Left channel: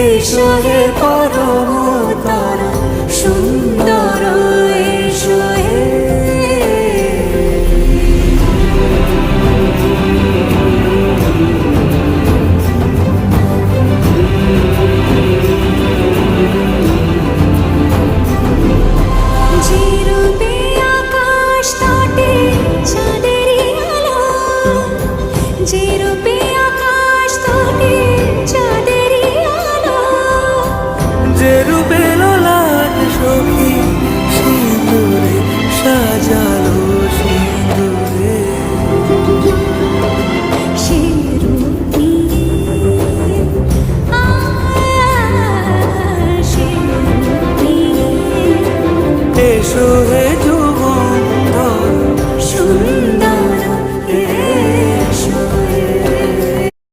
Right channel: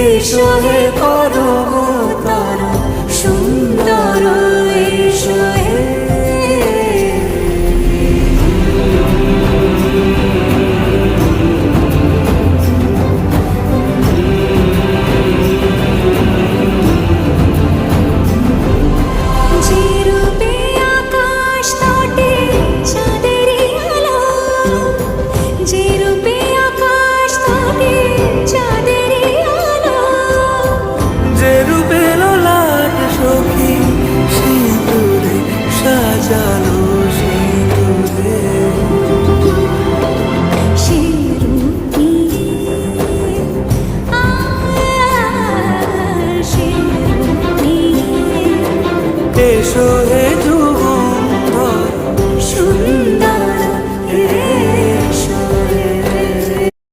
এসো হে পরমতর সুন্দর, এসো হে। যে রূপে আকাশ তটে চাঁদেরই আলো, যে রূপে আকাশ তটে চাঁদেরই আলো, যে রূপে ললাট সখী সিঁদুরে সাজালো সিঁদুরে, সে রূপ নিয়ে সে রূপ নিয়ে এসো হে যুগন্ধর